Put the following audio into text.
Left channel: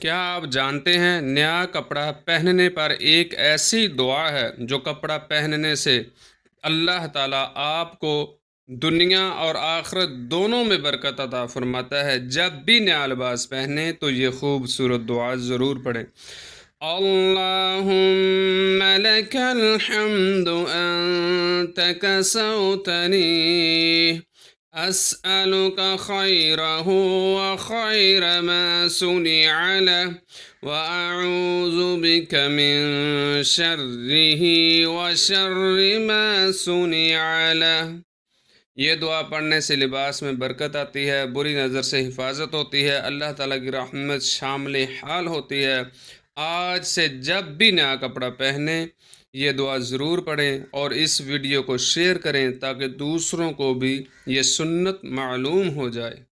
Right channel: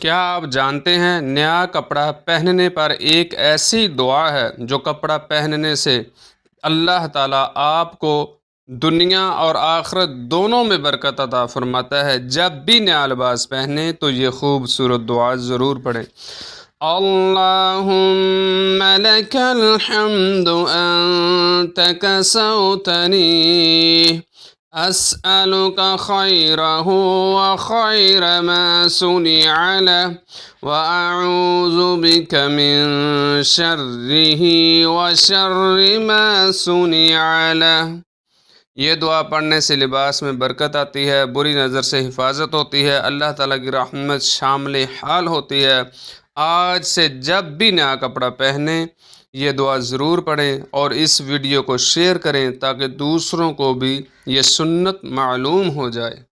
کیا آپ جانتے ہیں نیا کپڑا پہننے پر ایک ایسی دعا ہے جو کپڑا پہننے سے اللہ تعالیٰ آپ کو دنیا اور آخرت دونوں میں برکت عطا فرماتا ہے؟ جب بھی نیا لباس پہنے تو یہ خوبصورت دعا ضرور پڑھیں۔ اللہم لک الحمد انت کسوتنی أسألك خيره وخير ما صنع له وأعوذ بك من شره وشر ما صنع له۔ یہ دعا پڑھنے سے لباس میں برکت آتی ہے، بری نظر سے حفاظت ہوتی ہے، اللہ تعالیٰ کی رحمت شامل حال ہوتی ہے۔ آج سے جب بھی نیا کپڑا پہنیں یہ دعا ضرور پڑھیں اور اس ویڈیو کو شیئر کریں تاکہ دوسروں کو بھی یہ سنت معلوم ہو جائے۔